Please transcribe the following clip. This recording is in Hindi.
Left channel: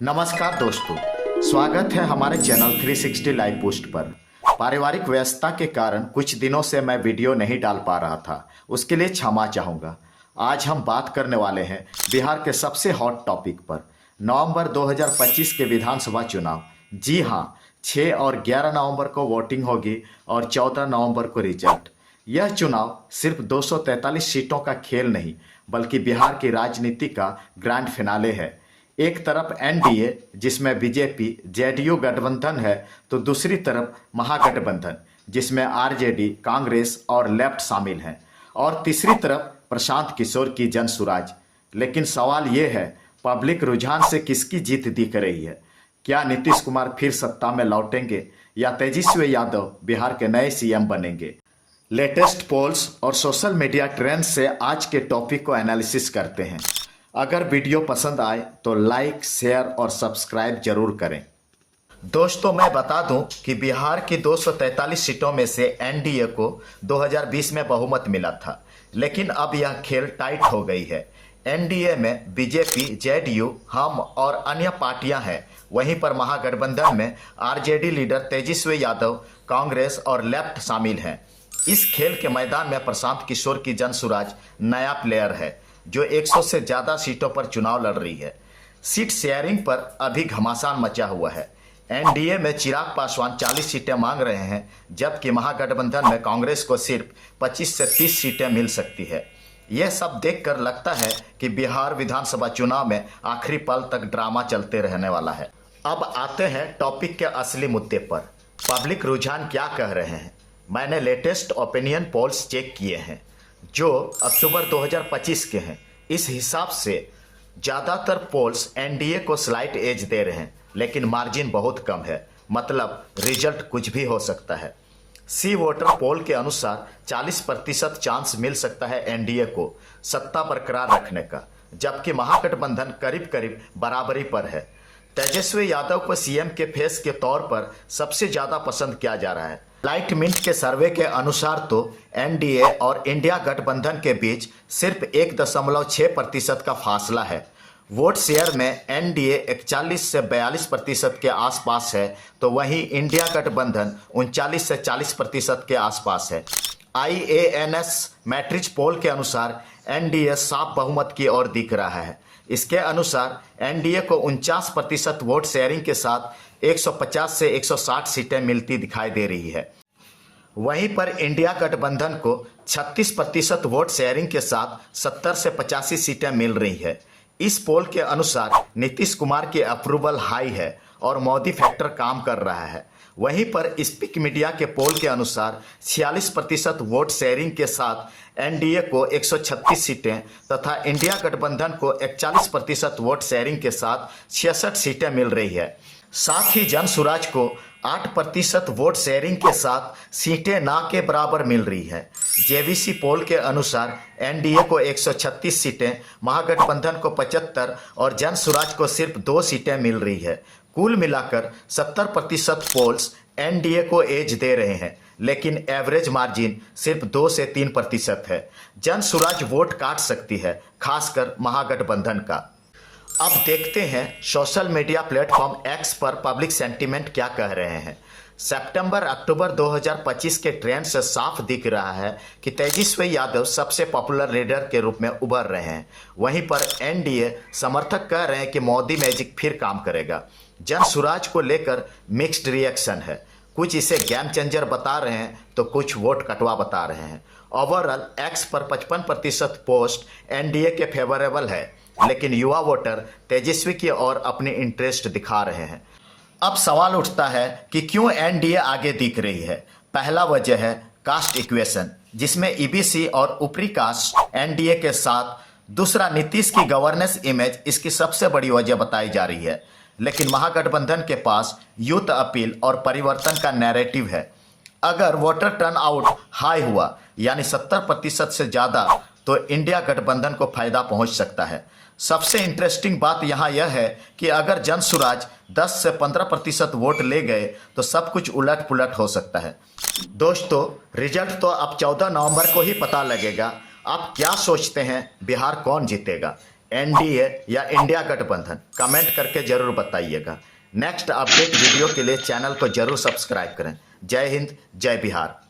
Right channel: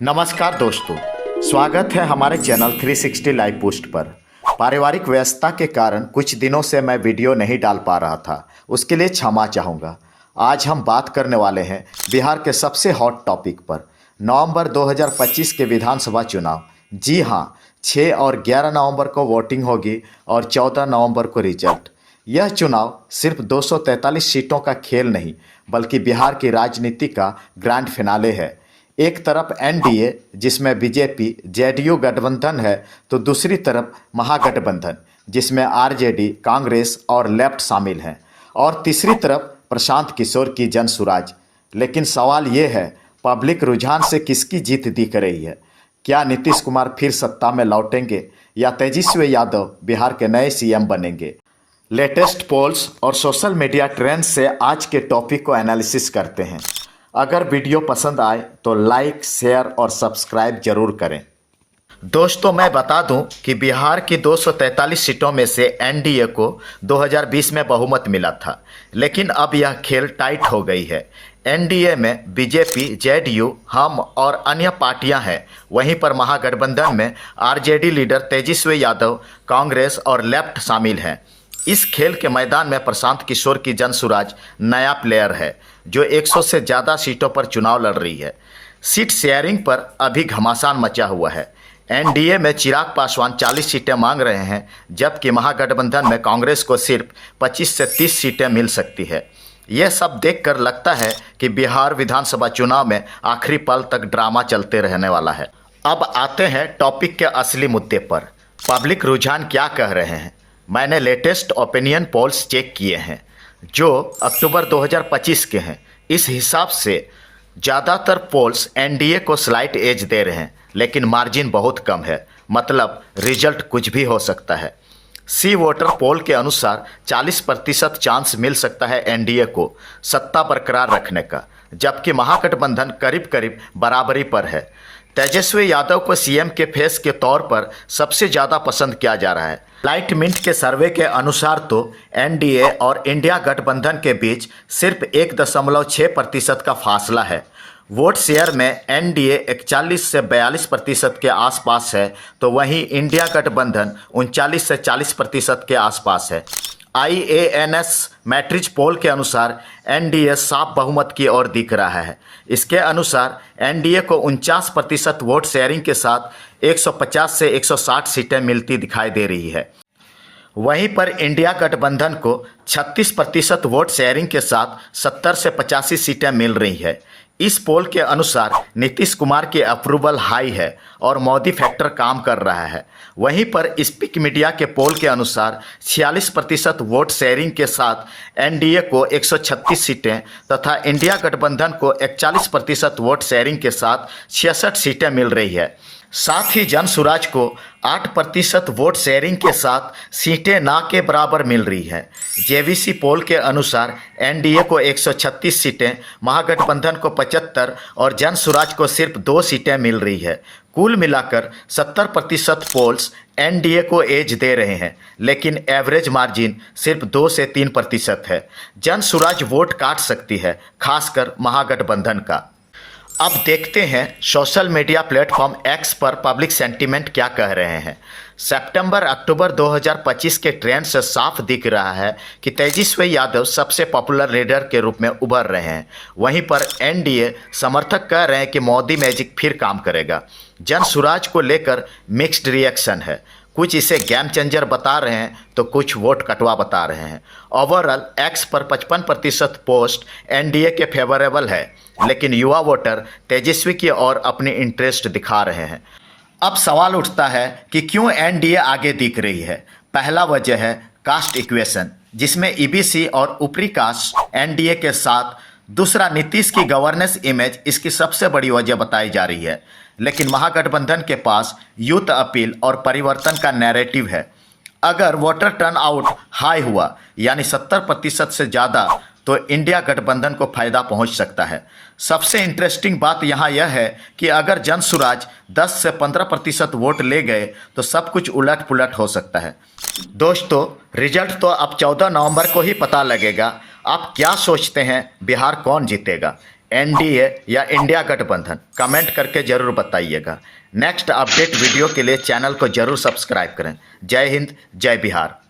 नमस्कार दोस्तों, स्वागत है हमारे चैनल 360 लाइव पोस्ट पर। पारिवारिक व्यस्तता के कारण कुछ दिनों से मैं वीडियो नहीं डाल पा रहा था, उसके लिए क्षमा चाहूँगा। आज हम बात करने वाले हैं बिहार के सबसे हॉट टॉपिक पर, नवंबर 2025 के विधानसभा चुनाव। जी हाँ, 6 और 11 नवंबर को वोटिंग होगी और 14 नवंबर को रिजल्ट। यह चुनाव सिर्फ 243 सीटों का खेल नहीं, बल्कि बिहार की राजनीति का ग्रैंड फिनाले है। एक तरफ एनडीए जिसमें बीजेपी जेडीयू गठबंधन है, तो दूसरी तरफ महागठबंधन जिसमें आरजेडी, कांग्रेस और लेफ्ट शामिल हैं, और तीसरी तरफ प्रशांत किशोर की जनसुराज। लेकिन सवाल ये है, पब्लिक रुझान से किसकी जीत दिख रही है? क्या नीतीश कुमार फिर सत्ता में लौटेंगे या तेजस्वी यादव बिहार के नए सीएम बनेंगे? लेटेस्ट पोल्स और सोशल मीडिया ट्रेंड से आज के टॉपिक को एनालिसिस करते हैं। अगर वीडियो पसंद आए तो लाइक, शेयर और सब्सक्राइब जरूर करें। दोस्तों, मैं बता दूं कि बिहार की 243 सीटों में से एनडीए को 2020 में बहुमत मिला था, लेकिन अब यह खेल टाइट हो गई है। एनडीए में बीजेपी, जेडीयू, हम और अन्य पार्टियां हैं। वहीं पर महागठबंधन में आरजेडी लीडर तेजस्वी यादव, कांग्रेस और लेफ्ट शामिल हैं। इस खेल के मैदान में प्रशांत किशोर की जनसुराज नया प्लेयर है, जो 100 से ज़्यादा सीटों पर चुनाव लड़ रही है। सीट शेयरिंग पर अभी घमासान मचा हुआ है। एनडीए में चिराग पासवान 40 सीटें मांग रहे हैं, जबकि महागठबंधन में कांग्रेस को सिर्फ 25 से 30 सीटें मिल सकती है। यह सब देखकर लगता है कि बिहार विधानसभा चुनाव में आखिरी पल तक ड्रामा चलते रहने वाला है। अब आते हैं टॉपिक के असली मुद्दे पर। पब्लिक रुझान क्या कह रहे हैं? मैंने लेटेस्ट ओपिनियन पोल्स चेक किए हैं जो अक्टूबर 2025 के हैं। इस हिसाब से ज़्यादातर पोल्स एनडीए को स्लाइट एज दे रहे हैं, लेकिन मार्जिन बहुत कम है, मतलब रिजल्ट कुछ भी हो सकता है। सी वोटर पोल के अनुसार 40% चांस मिल सकता है एनडीए को सत्ता बरकरार रखने का, जबकि महागठबंधन करीब करीब बराबरी पर है। तेजस्वी यादव को सीएम के फेस के तौर पर सबसे ज़्यादा पसंद किया जा रहा है। लाइट मिंट के सर्वे के अनुसार तो एनडीए और इंडिया गठबंधन के बीच सिर्फ 1.6% का फासला है। वोट शेयर में एनडीए 41 से 42% के आसपास है, तो वहीं इंडिया गठबंधन 39 से 40% के आसपास है। IANS मैट्रिज पोल के अनुसार एनडीए साफ बहुमत की ओर दिख रहा है। इसके अनुसार एनडीए को 49% वोट शेयरिंग के साथ 150 से 160 सीटें मिलती दिखाई दे रही है। वहीं पर इंडिया गठबंधन को 36% वोट शेयरिंग के साथ 70 से 85 सीटें मिल रही है। इस पोल के अनुसार नीतीश कुमार की अप्रूवल हाई है और मोदी फैक्टर काम कर रहा है। वहीं पर स्पीक मीडिया के पोल के अनुसार 46% वोट शेयरिंग के साथ एनडीए को 136 सीटें तथा इंडिया गठबंधन को 41% वोट शेयरिंग के साथ 66 सीटें मिल रही है। साथ ही जनसुराज को 8% वोट शेयरिंग के साथ सीटें ना के बराबर मिल रही है। जेवीसी पोल के अनुसार एनडीए को 136 सीटें, महागठबंधन को 75 और जनसुराज को सिर्फ 2 सीटें मिल रही है। कुल मिलाकर 70% पोल्स एनडीए को एज दे रहे हैं, लेकिन एवरेज मार्जिन सिर्फ 2 से 3% है। जनसुराज वोट काट सकती है, खासकर महागठबंधन का। अब देखते हैं सोशल मीडिया प्लेटफॉर्म एक्स पर पब्लिक सेंटीमेंट क्या कह रहे हैं। सितंबर-अक्टूबर 2025 के ट्रेंड से साफ दिख रहा है कि तेजस्वी यादव सबसे पॉपुलर लीडर के रूप में उभर रहे हैं। वहीं पर एनडीए समर्थक कह रहे हैं कि मोदी मैजिक फिर काम करेगा। जनसुराज को लेकर मिक्स्ड रिएक्शन है, कुछ इसे गेम चेंजर बता रहे हैं तो कुछ वोट कटवा बता रहे हैं। ओवरऑल एक्स पर 55% पोस्ट एनडीए के फेवरेबल है, लेकिन युवा वोटर तेजस्वी की ओर अपनी इंटरेस्ट दिखा रहे हैं। अब सवाल उठता है कि क्यों एनडीए आगे दिख रही है। पहला वजह है कास्ट इक्वेशन, जिसमें ईबीसी और ऊपरी कास्ट एनडीए के साथ। दूसरा, नीतीश की गवर्नेंस इमेज इसकी सबसे बड़ी वजह बताई जा रही है। लेकिन महागठबंधन के पास यूथ अपील और परिवर्तन का नैरेटिव है। अगर वोटर टर्नआउट हाई हुआ, यानी 70% से ज़्यादा, तो इंडिया गठबंधन को फायदा पहुंच सकता है। सबसे इंटरेस्टिंग बात यहाँ यह है कि अगर जनसुराज 10 से 15% वोट ले गए तो सब कुछ उलट पुलट हो सकता है। दोस्तों, रिजल्ट तो अब 14 नवंबर को ही पता लगेगा। आप क्या सोचते हैं, बिहार कौन जीतेगा? एनडीए या इंडिया गठबंधन? कमेंट करके जरूर बताइएगा। नेक्स्ट अपडेट वीडियो के लिए चैनल को जरूर सब्सक्राइब करें। जय हिंद, जय बिहार।